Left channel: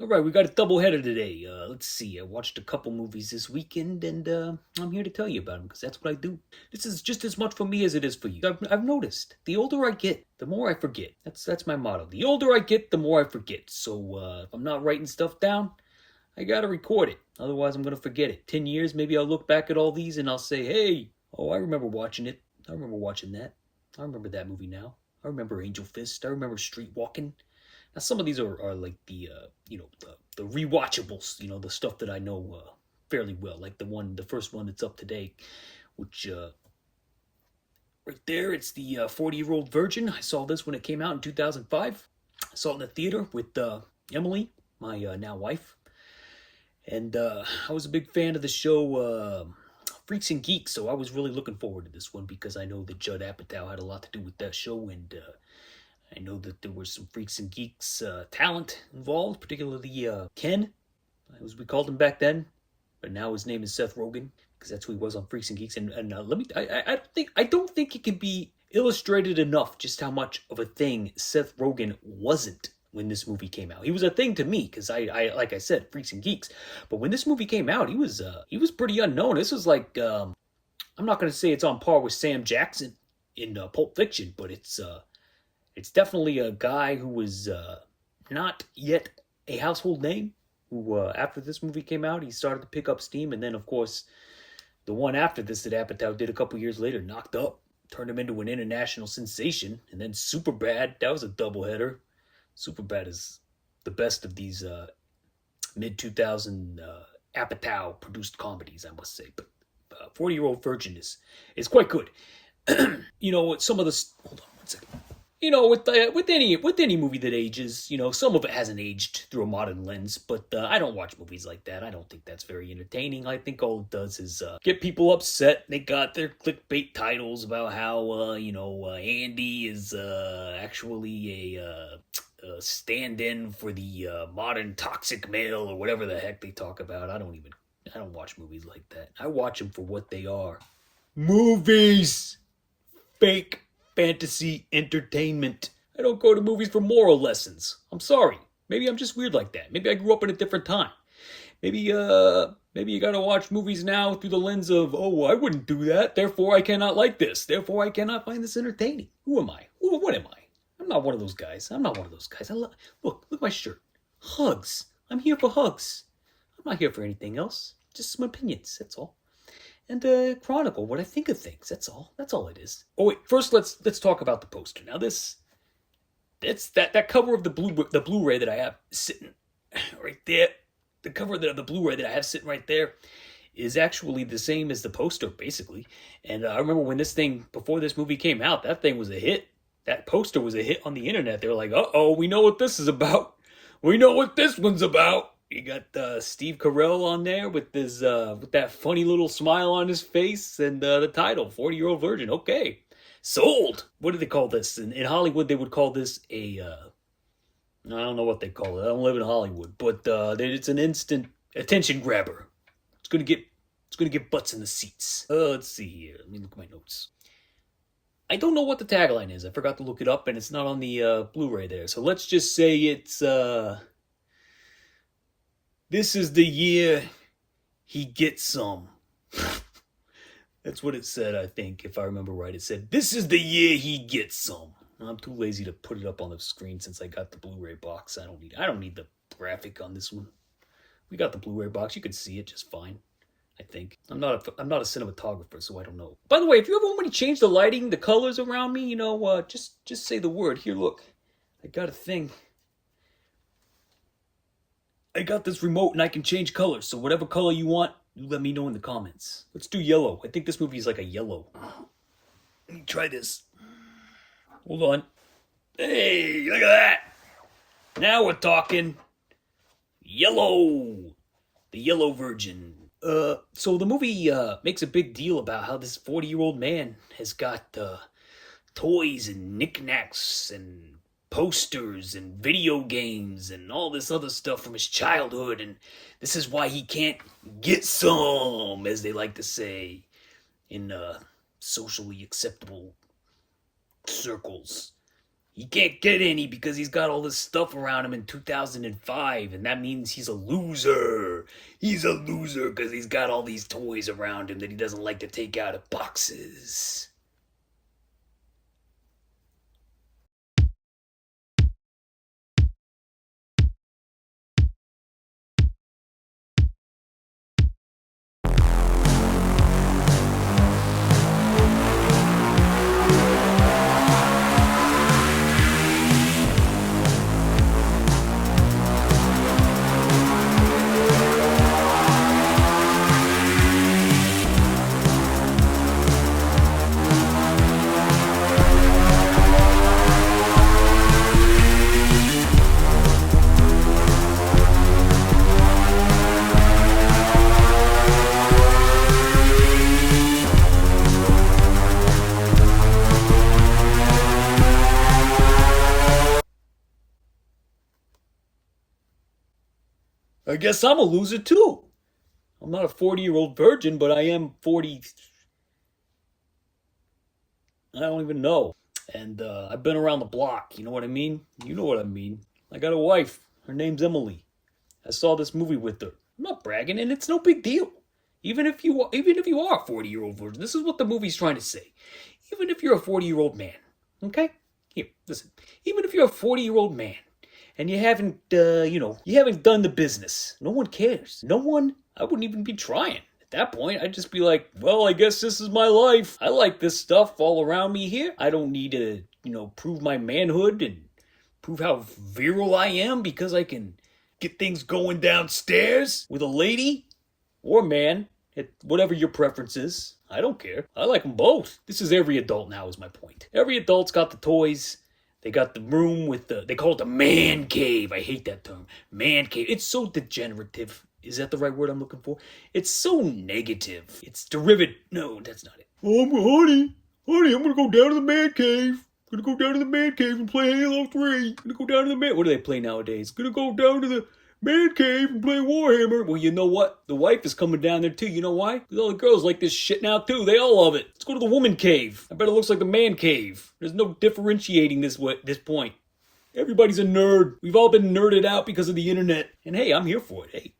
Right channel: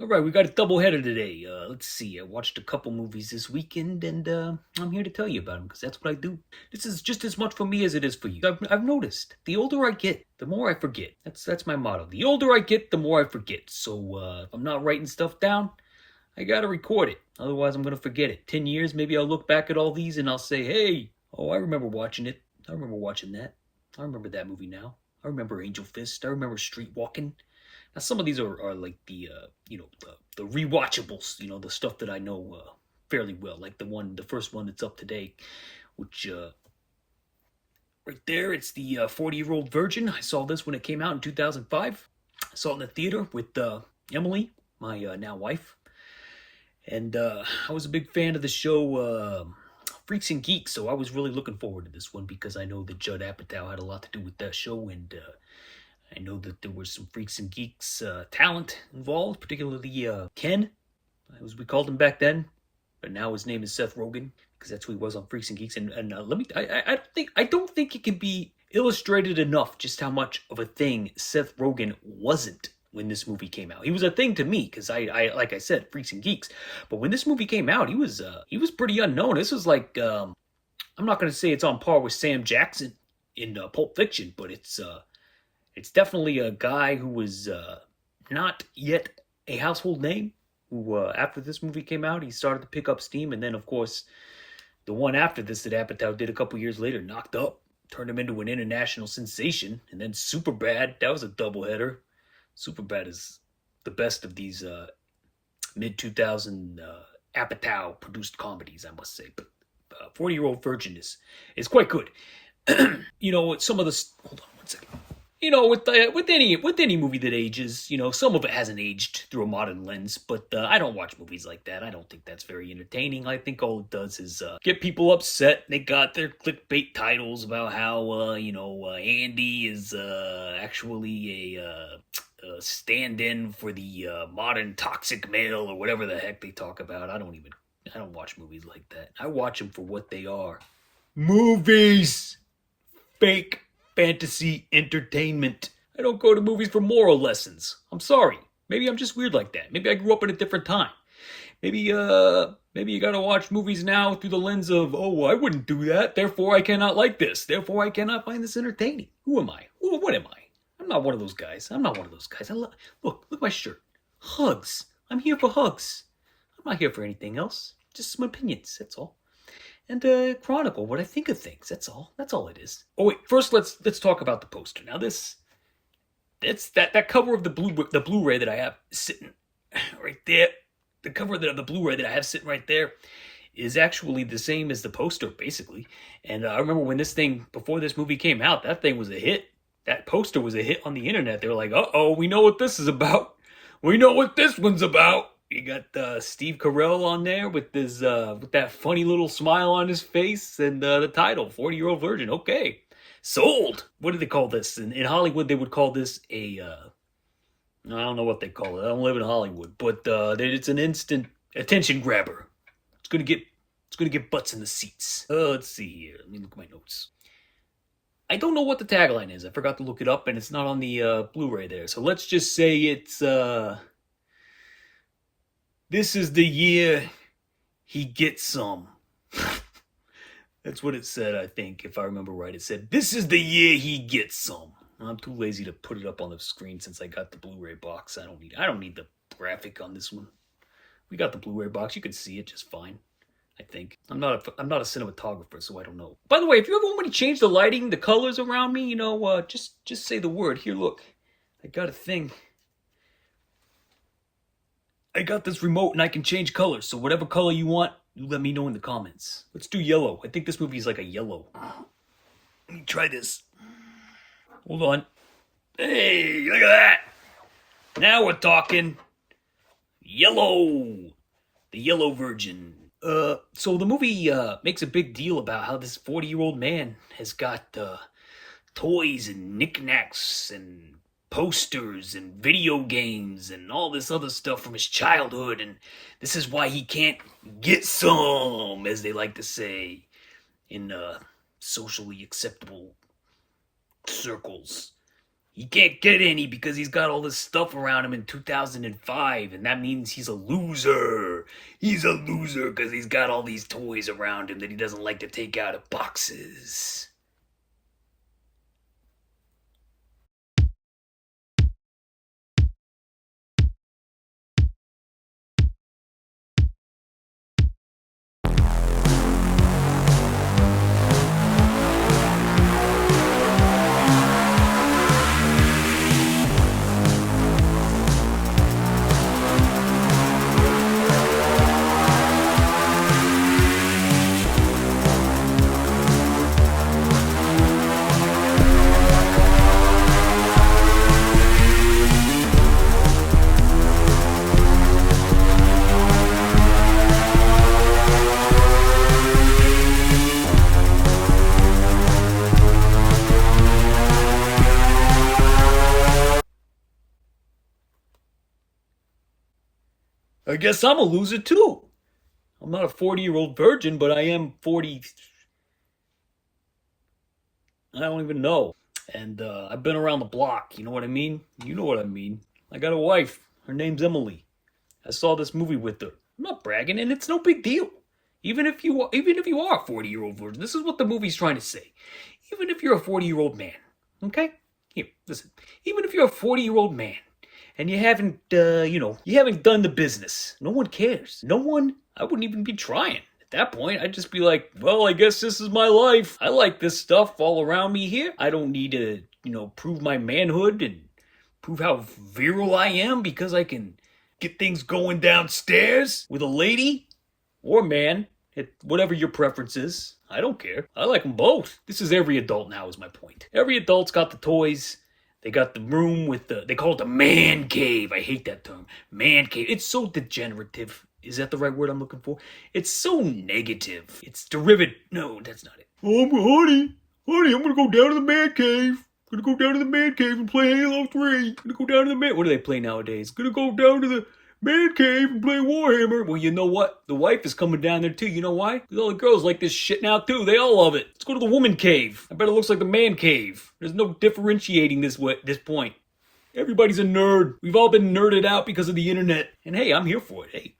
All right, we got a double header today. Let's see. I watched a couple movies this weekend, and I'm here to tell you about them because that's what I do. This is just as much for me as it is for you. I've noticed the older I get, the more I forget. That's my motto. The older I get, the more I forget. So if I'm not writing stuff down, I gotta record it. Otherwise, I'm gonna forget it. 10 years, maybe I'll look back at all these and I'll say, "Hey, oh, I remember watching it. I remember watching that. I remember that movie now. I remember Angel Fist. I remember Street Walking." Now, some of these are like the rewatchables, the stuff that I know fairly well, like the first one that's up today, which right there, it's the 40-Year-Old Virgin. I saw this when it came out in 2005. I saw it in the theater with Emily, my now wife, and I was a big fan of the show Freaks and Geeks, so I was really looking forward to this one because I know that Judd Apatow had a lot to do with that show, and I know that there was some Freaks and Geeks talent involved, particularly Ken, as we called him back then, but now his name is Seth Rogen because that's who he was on Freaks and Geeks. And I don't think it can be illustrated enough just how much of a thing Seth Rogen wasn't when this movie came out. He was a thing to me because I like I said, Freaks and Geeks, but when this movie came out, he was pretty unknown. This was like I'm not going to say it's on par with Sam Jackson in Pulp Fiction, but it's definitely a guy who was not yet a household name, who after this movie came out, he started to pick up steam. And then, of course, the one after this that Apatow did a couple years later, Knocked Up, turned him into an international sensation. And then Superbad, that was a doubleheader. Superbad is the best of these mid-2000 Apatow-produced comedies, I must say. But 40-Year-Old Virgin is quite good. Some of the... Hold on one second. With any movie that ages, some of it hasn't aged through a modern lens, but I don't watch movies like that. I don't think that's very entertaining. I think all it does is get people upset. They got their clickbait titles about how Andy is actually a stand-in for the modern toxic male or whatever the heck they talk about. I don't watch movies like that. I watch them for what they are. Movies. Fake fantasy entertainment. I don't go to movies for moral lessons. I'm sorry. Maybe I'm just weird like that. Maybe I grew up in a different time. Maybe you gotta watch movies now through the lens of, oh, I wouldn't do that, therefore I cannot like this, therefore I cannot find this entertaining. Who am I? What am I? I'm not one of those guys. Look at my shirt. Hugs. I'm here for hugs. I'm not here for anything else. Just some opinions, that's all. And chronicle what I think of things. That's all. That's all it is. Oh wait, first let's talk about the poster. Now that's that cover of the Blu-ray that I have sitting right there. The cover of the Blu-ray that I have sitting right there is actually the same as the poster, basically. And I remember when before this movie came out, that thing was a hit. That poster was a hit on the internet. They were like, "Uh-oh, we know what this is about. We know what this one's about." You got Steve Carell on there with that funny little smile on his face, and the title, 40-Year-Old Virgin. Okay, sold. What do they call this? In Hollywood, they would call this I don't know what they call it. I don't live in Hollywood, but it's an instant attention grabber. It's gonna get butts in the seats. Let's see here. Let me look at my notes. I don't know what the tagline is. I forgot to look it up, and it's not on the Blu-ray there. So let's just say it's this is the year he gets some. That's what it said, I think, if I remember right. It said, this is the year he gets some. I'm too lazy to put it up on the screen since I got the Blu-ray box. I don't need the graphic on this one. We got the Blu-ray box. You can see it just fine, I think. I'm not a cinematographer, so I don't know. By the way, if you ever want me to change the lighting, the colors around me, just say the word. Here, look. I got a thing. I got this remote and I can change colors, so whatever color you want, you let me know in the comments. Let's do yellow. I think this movie is like a yellow. Let me try this. Hold on. Hey, look at that. Now we're talking. Yellow. The Yellow Virgin. So the movie makes a big deal about how this 40-year-old man has got toys and knickknacks and posters and video games and all this other stuff from his childhood, and this is why he can't get some, as they like to say in socially acceptable circles. He can't get any because he's got all this stuff around him in 2005, and that means he's a loser. He's a loser because he's got all these toys around him that he doesn't like to take out of boxes. I guess I'm a loser too. I'm not a 40-year-old virgin, but I am 40. I don't even know. And I've been around the block. You know what I mean? You know what I mean. I got a wife. Her name's Emily. I saw this movie with her. I'm not bragging, and it's no big deal. Even if you are a 40-year-old virgin, this is what the movie's trying to say. Even if you're a 40-year-old man, okay? Here, listen. Even if you're a 40-year-old man, and you haven't, you haven't done the business, no one cares. No one. I wouldn't even be trying. At that point, I'd just be like, well, I guess this is my life. I like this stuff all around me here. I don't need to, prove my manhood and prove how virile I am because I can get things going downstairs with a lady or man, whatever your preference is. I don't care. I like them both. This is every adult now is my point. Every adult's got the toys. They got the room with they call it the man cave. I hate that term. Man cave. It's so degenerative. Is that the right word I'm looking for? It's so negative. It's derivative. No, that's not it. Oh, honey, I'm gonna go down to the man cave. Gonna go down to the man cave and play Halo 3. Gonna go down to the man. What do they play nowadays? Gonna go down to the man cave and play Warhammer. Well, you know what? The wife is coming down there too. You know why? Because all the girls like this shit now too. They all love it. Let's go to the woman cave. I bet it looks like the man cave. There's no differentiating this point. Everybody's a nerd. We've all been nerded out because of the internet. And hey, I'm here for it. Hey,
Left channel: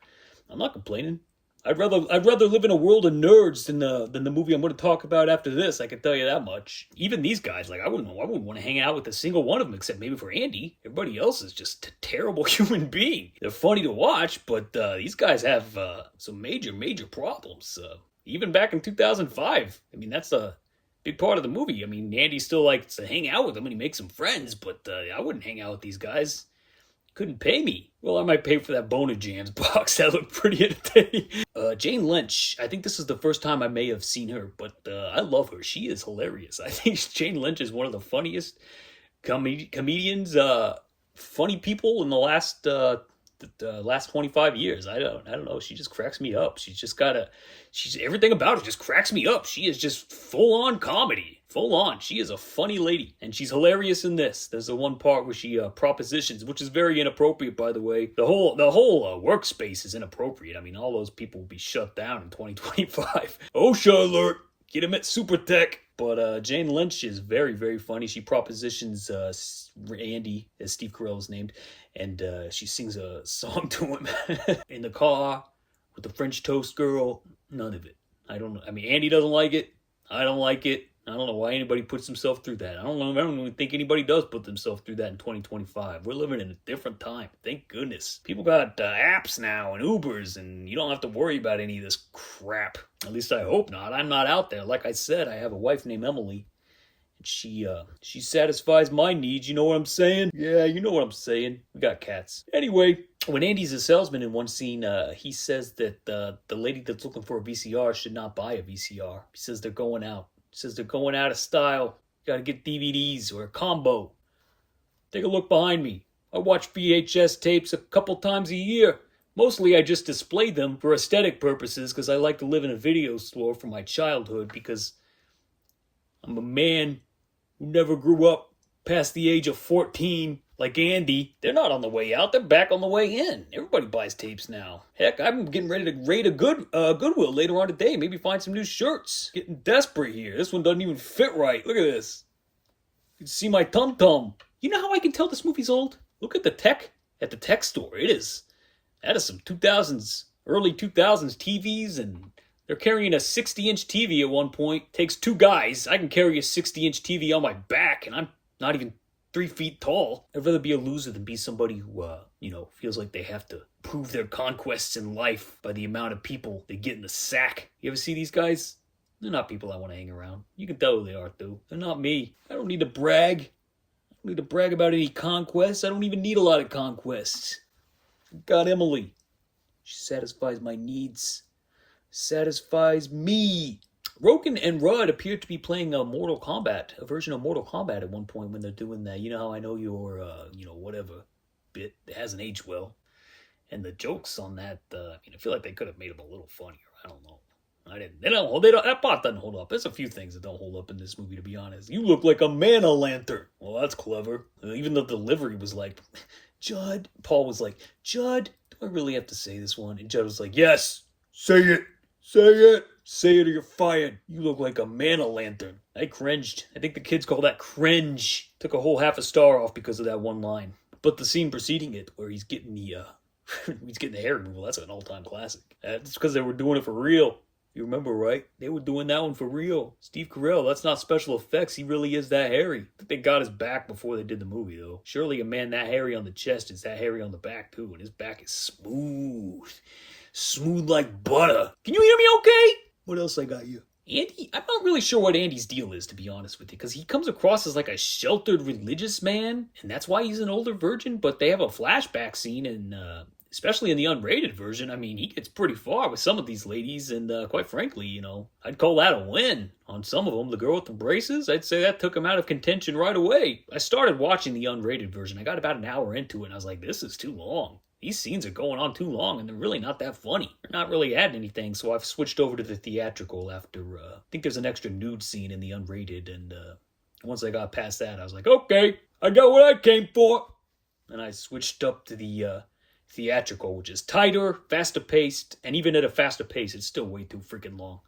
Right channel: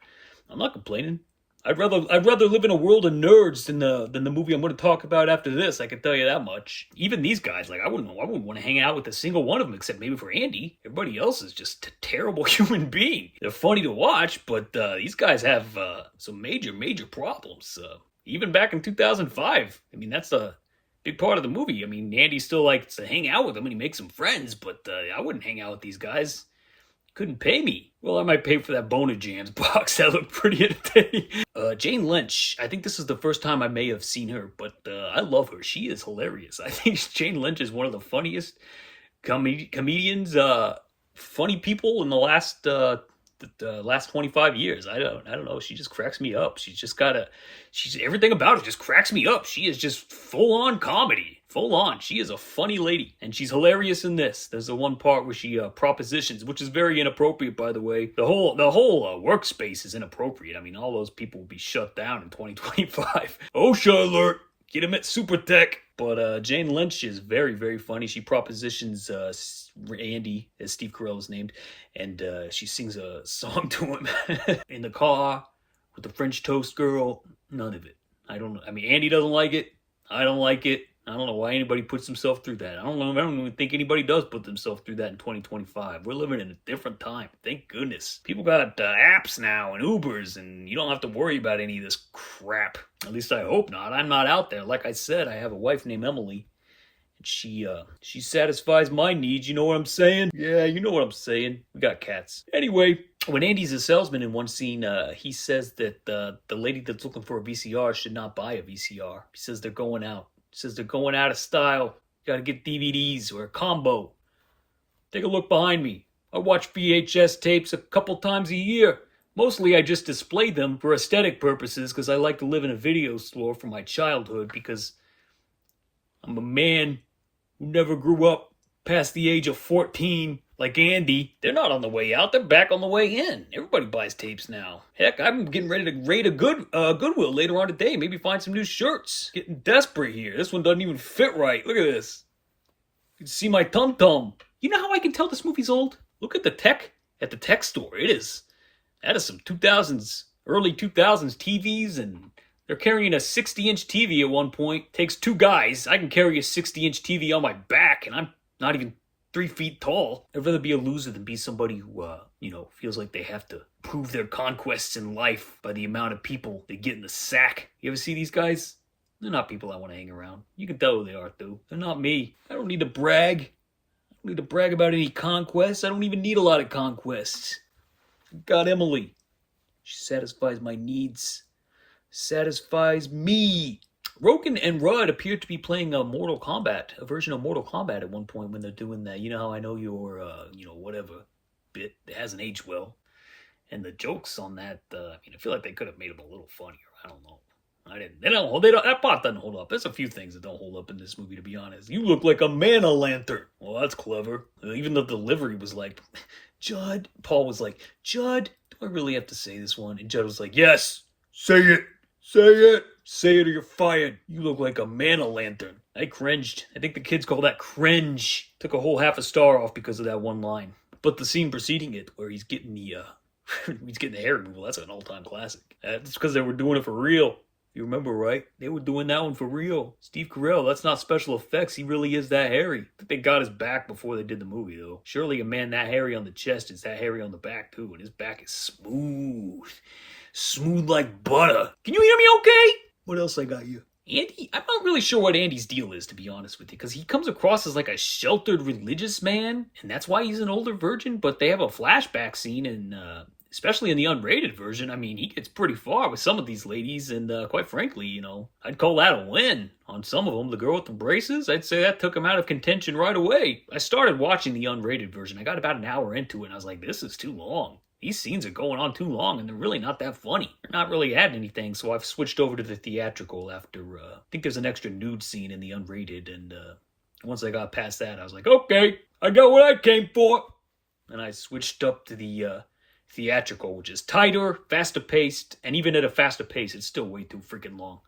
I'm not complaining. I'd rather live in a world of nerds than the movie I'm going to talk about after this. I can tell you that much. Even these guys, I wouldn't want to hang out with a single one of them except maybe for Andy. Everybody else is just a terrible human being. They're funny to watch, but these guys have some major problems. Even back in 2005, I mean that's a big part of the movie. I mean Andy still likes to hang out with them and he makes some friends, but I wouldn't hang out with these guys. Couldn't pay me. Well, I might pay for that Bona Jams box. That looked pretty entertaining. Jane Lynch. I think this is the first time I may have seen her, but I love her. She is hilarious. I think Jane Lynch is one of the funniest comedians, funny people in the last 25 years. I don't know. She just cracks me up. She's everything about her just cracks me up. She is just full on comedy. Full on. She is a funny lady. And she's hilarious in this. There's the one part where she propositions, which is very inappropriate, by the way. The whole workspace is inappropriate. I mean, all those people will be shut down in 2025. OSHA alert. Get him at Super Tech. But Jane Lynch is very, very funny. She propositions Andy, as Steve Carell is named, and she sings a song to him in the car with the French toast girl. None of it. I don't know. I mean, Andy doesn't like it. I don't like it. I don't know why anybody puts himself through that. I don't even think anybody does put themselves through that in 2025. We're living in a different time. Thank goodness. People got apps now and Ubers, and you don't have to worry about any of this crap. At least I hope not. I'm not out there. Like I said, I have a wife named Emily. And she satisfies my needs. You know what I'm saying? Yeah, you know what I'm saying. We got cats. Anyway, when Andy's a salesman in one scene, he says that the lady that's looking for a VCR should not buy a VCR. He says they're going out. Says they're going out of style. Gotta get DVDs or a combo. Take a look behind me. I watch VHS tapes a couple times a year. Mostly I just display them for aesthetic purposes because I like to live in a video store from my childhood because I'm a man who never grew up past the age of 14 like Andy. They're not on the way out. They're back on the way in. Everybody buys tapes now. Heck, I'm getting ready to raid a Goodwill later on today. Maybe find some new shirts. Getting desperate here. This one doesn't even fit right. Look at this. You can see my tum-tum. You know how I can tell this movie's old? Look at the tech at the tech store. That is some 2000s, early 2000s TVs, and they're carrying a 60-inch TV at one point. Takes two guys. I can carry a 60-inch TV on my back, and I'm not even 3 feet tall. I'd rather be a loser than be somebody who, feels like they have to prove their conquests in life by the amount of people they get in the sack. You ever see these guys? They're not people I want to hang around. You can tell who they are, too. They're not me. I don't need to brag. I don't need to brag about any conquests. I don't even need a lot of conquests. Got Emily. She satisfies my needs. Satisfies me. Roken and Rudd appear to be playing a version of Mortal Kombat at one point when they're doing that. You know how I know your, whatever bit. It hasn't aged well. And the jokes on that, I feel like they could have made them a little funnier. I don't know. That part doesn't hold up. There's a few things that don't hold up in this movie, to be honest. You look like a man-o'-lantern. Well, that's clever. Even the delivery was like, Judd. Paul was like, Judd, do I really have to say this one? And Judd was like, yes, say it. Say it. Say it or you're fired. You look like a man-o'-lantern. I cringed. I think the kids call that cringe. Took a whole half a star off because of that one line. But the scene preceding it, where he's getting the hair removal, that's an all-time classic. That's because they were doing it for real. You remember, right? They were doing that one for real. Steve Carell, that's not special effects. He really is that hairy. I think they got his back before they did the movie, though. Surely a man that hairy on the chest is that hairy on the back, too. And his back is smooth. Smooth like butter. Can you hear me okay? What else I got you? Andy, I'm not really sure what Andy's deal is, to be honest with you, because he comes across as like a sheltered religious man, and that's why he's an older virgin, but they have a flashback scene, and especially in the unrated version, I mean, he gets pretty far with some of these ladies, and quite frankly, I'd call that a win on some of them. The girl with the braces, I'd say that took him out of contention right away. I started watching the unrated version. I got about an hour into it, and I was like, this is too long. These scenes are going on too long, and they're really not that funny. They're not really adding anything, so I've switched over to the theatrical after, I think there's an extra nude scene in the unrated, and once I got past that, I was like, okay, I got what I came for. And I switched up to the theatrical, which is tighter, faster paced, and even at a faster pace, it's still way too freaking long.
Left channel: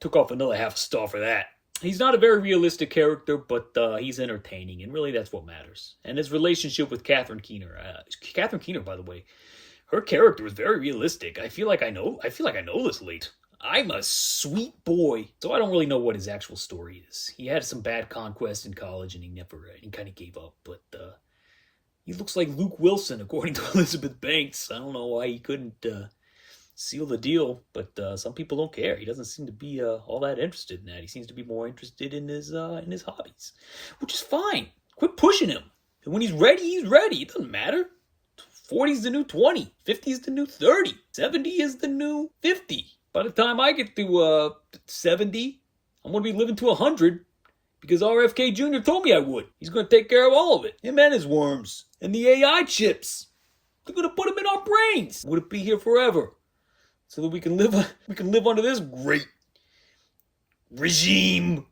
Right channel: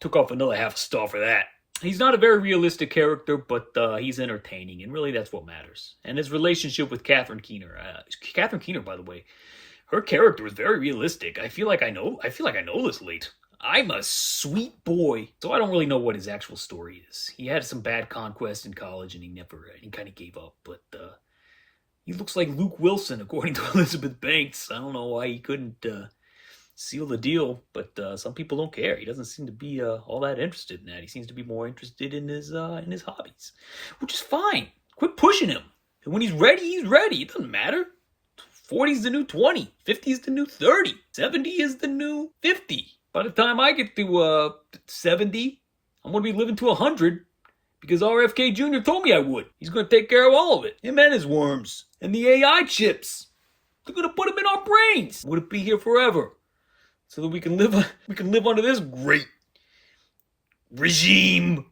Took off another half a star for that. He's not a very realistic character, but he's entertaining, and really that's what matters. And his relationship with Catherine Keener. Catherine Keener, by the way, her character is very realistic. I feel like I know this late. I'm a sweet boy, so I don't really know what his actual story is. He had some bad conquests in college, and he kind of gave up. But he looks like Luke Wilson, according to Elizabeth Banks. I don't know why he couldn't seal the deal, but some people don't care. He doesn't seem to be all that interested in that. He seems to be more interested in his hobbies, which is fine. Quit pushing him. And when he's ready, he's ready. It doesn't matter. 40's the new 20. 50's the new 30. 70 is the new 50. By the time I get to 70, I'm going to be living to 100 because RFK Jr. told me I would. He's going to take care of all of it. Him and his worms. And the AI chips. They're going to put them in our brains. Would it be here forever? So that we can live under this great regime.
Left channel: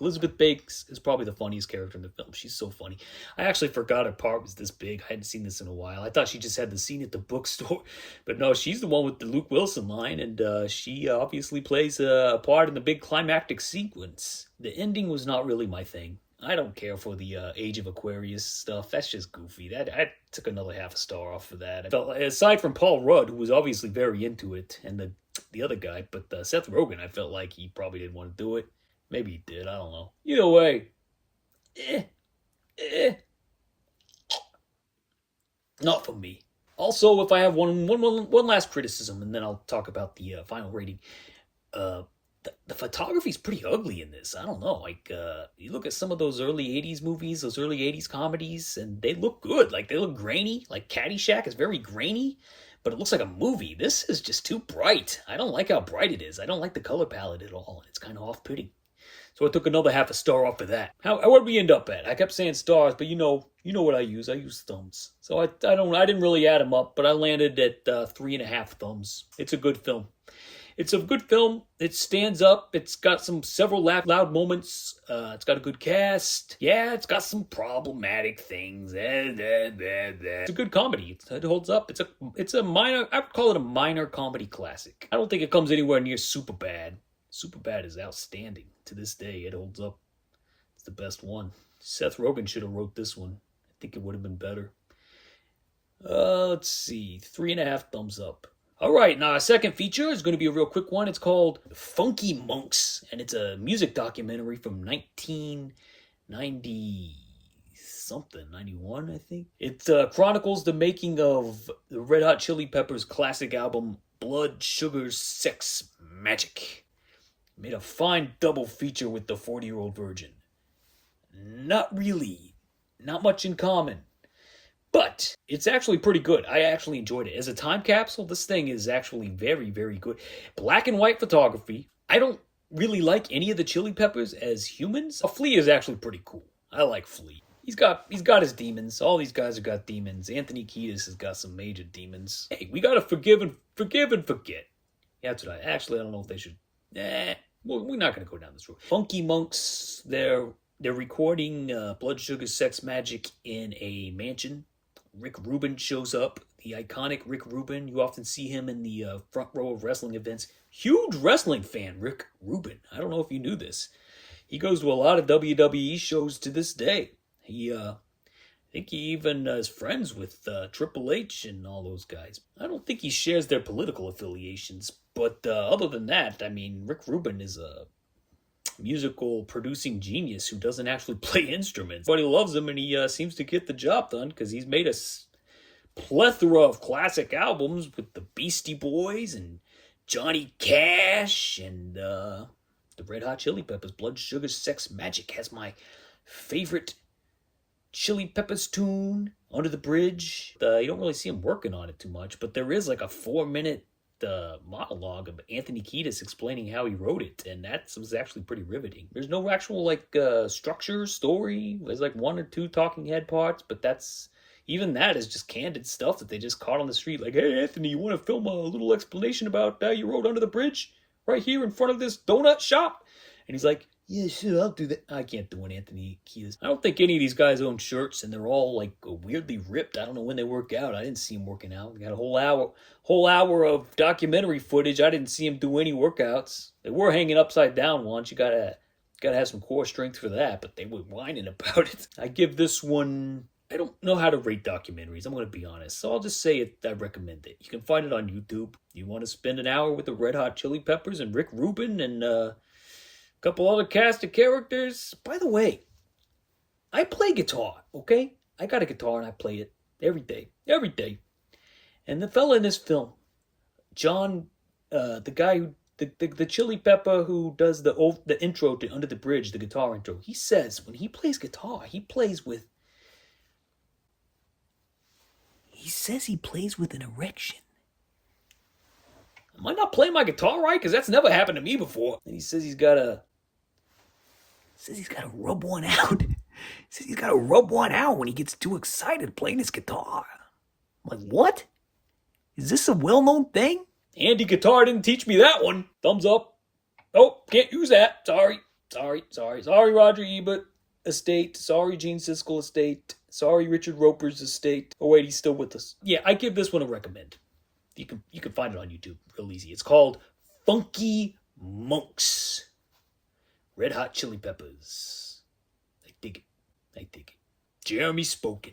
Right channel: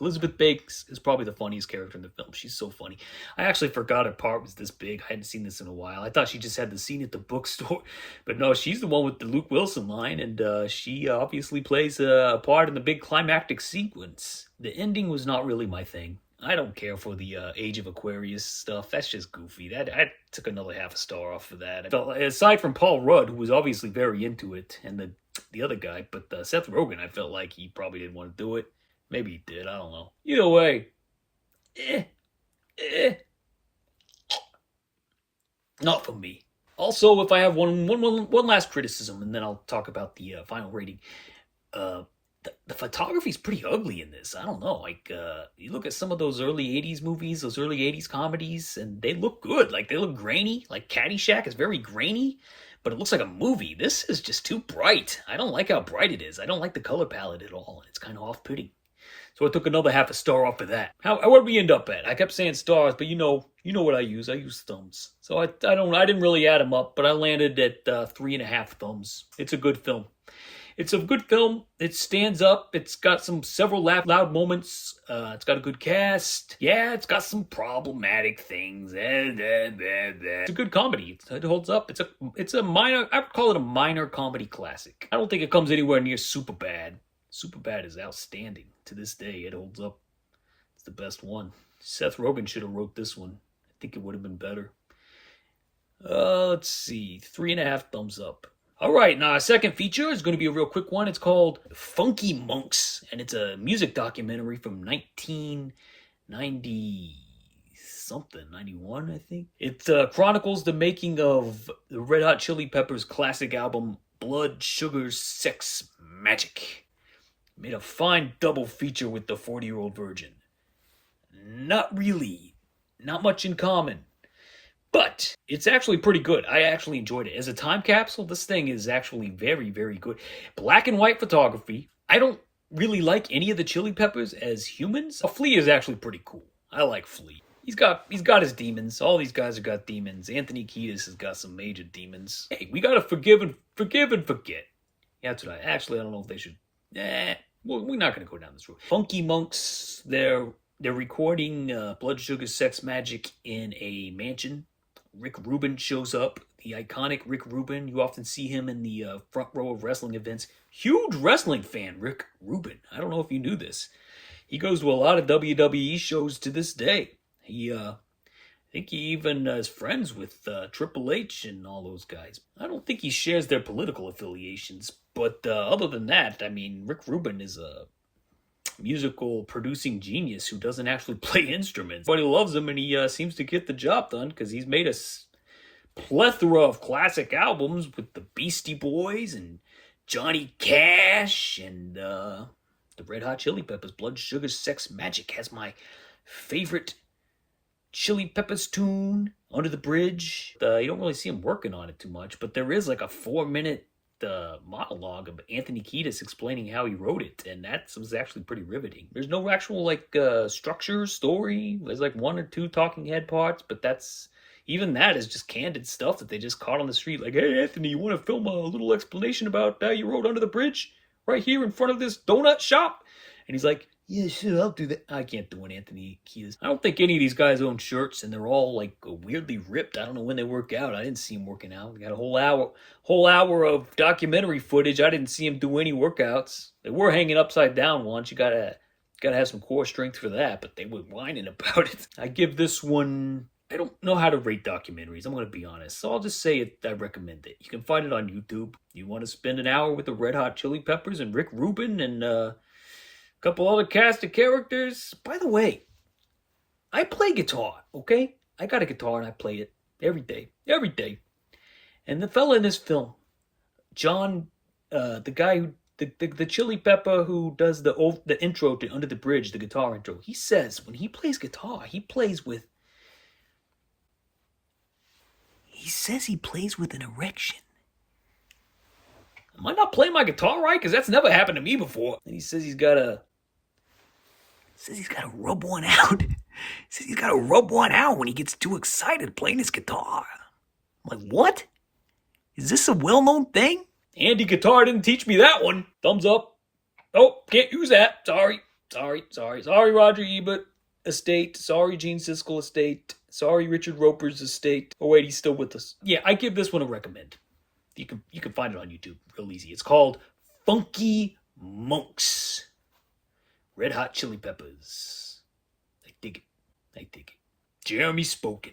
Elizabeth Banks is probably the funniest character in the film. She's so funny. I actually forgot her part was this big. I hadn't seen this in a while. I thought she just had the scene at the bookstore. But no, she's the one with the Luke Wilson line, and she obviously plays a part in the big climactic sequence. The ending was not really my thing. I don't care for the Age of Aquarius stuff. That's just goofy. I took another half a star off for that. I felt like, aside from Paul Rudd, who was obviously very into it, and the other guy, but Seth Rogen, I felt like he probably didn't want to do it. Maybe he did. I don't know. Either way, not for me. Also, if I have one last criticism, and then I'll talk about the final rating. The photography is pretty ugly in this. I don't know. Like, you look at some of those early 80s movies, those early 80s comedies, and they look good. Like, they look grainy. Like, Caddyshack is very grainy, but it looks like a movie. This is just too bright. I don't like how bright it is. I don't like the color palette at all. It's kind of off-putting. So I took another half a star off of that. Where did we end up at? I kept saying stars, but you know what I use. I use thumbs. So I didn't really add them up, but I landed at 3.5 thumbs. It's a good film. It's a good film. It stands up. It's got several loud moments. It's got a good cast. Yeah, it's got some problematic things. It's a good comedy. It holds up. It's a minor. I would call it a minor comedy classic. I don't think it comes anywhere near Superbad. Superbad is outstanding to this day. It holds up. It's the best one. Seth Rogen should have wrote this one. I think it would have been better. Let's see. 3.5 thumbs up. All right, now our second feature is going to be a real quick one. It's called Funky Monks, and it's a music documentary from 1990 something, 91, I think. It chronicles the making of the Red Hot Chili Peppers' classic album Blood, Sugar, Sex, Magic. Made a fine double feature with the 40-Year-Old Virgin. Not really. Not much in common. But it's actually pretty good. I actually enjoyed it. As a time capsule, this thing is actually very, very good. Black and white photography. I don't really like any of the Chili Peppers as humans. Flea is actually pretty cool. I like Flea. He's got his demons. All these guys have got demons. Anthony Kiedis has got some major demons. Hey, we gotta forgive and forget. Yeah, that's what I don't know if they should. Well, we're not gonna go down this road. Funky Monks. They're recording Blood Sugar Sex Magic in a mansion. Rick Rubin shows up, the iconic Rick Rubin. You often see him in the front row of wrestling events. Huge wrestling fan, Rick Rubin. I don't know if you knew this. He goes to a lot of WWE shows to this day. I think he even is friends with Triple H and all those guys. I don't think he shares their political affiliations, but other than that, I mean, Rick Rubin is a musical producing genius who doesn't actually play instruments. But he loves him, and he seems to get the job done because he's made a plethora of classic albums with the Beastie Boys and Johnny Cash and the Red Hot Chili Peppers. Blood, Sugar, Sex, Magic has my favorite Chili Peppers tune, Under the Bridge. You don't really see him working on it too much, but there is like a 4-minute monologue of Anthony Kiedis explaining how he wrote it, and that was actually pretty riveting. There's no actual structure, story. There's like 1 or 2 talking head parts, but even that is just candid stuff that they just caught on the street. Like, hey Anthony, you want to film a little explanation about how you wrote Under the Bridge right here in front of this donut shop? And he's like, yeah, sure, I'll do that. I can't do it, Anthony Kiedis. I don't think any of these guys own shirts, and they're all like weirdly ripped. I don't know when they work out. I didn't see them working out. We got a whole hour of documentary footage. I didn't see them do any workouts. They were hanging upside down once. You gotta have some core strength for that, but they were whining about it. I give this one. I don't know how to rate documentaries. I'm gonna be honest, so I'll just say I recommend it. You can find it on YouTube. You want to spend an hour with the Red Hot Chili Peppers and Rick Rubin and couple other cast of characters. By the way, I play guitar, okay? I got a guitar and I play it every day. And the fella in this film, John, the guy who, the Chili Pepper who does the intro to Under the Bridge, the guitar intro, he says when he plays guitar, he says he plays with an erection. Am I not playing my guitar right? Because that's never happened to me before. And he says he's got to rub one out. He says he's got to rub one out when he gets too excited playing his guitar. I'm like, what? Is this a well-known thing? Andy Guitar didn't teach me that one. Thumbs up. Oh, can't use that. Sorry, Roger Ebert estate. Sorry, Gene Siskel estate. Sorry, Richard Roper's estate. Oh, wait, he's still with us. Yeah, I give this one a recommend. You can find it on YouTube real easy. It's called Funky Monks. Red Hot Chili Peppers. I dig it. Jeremy Spoken.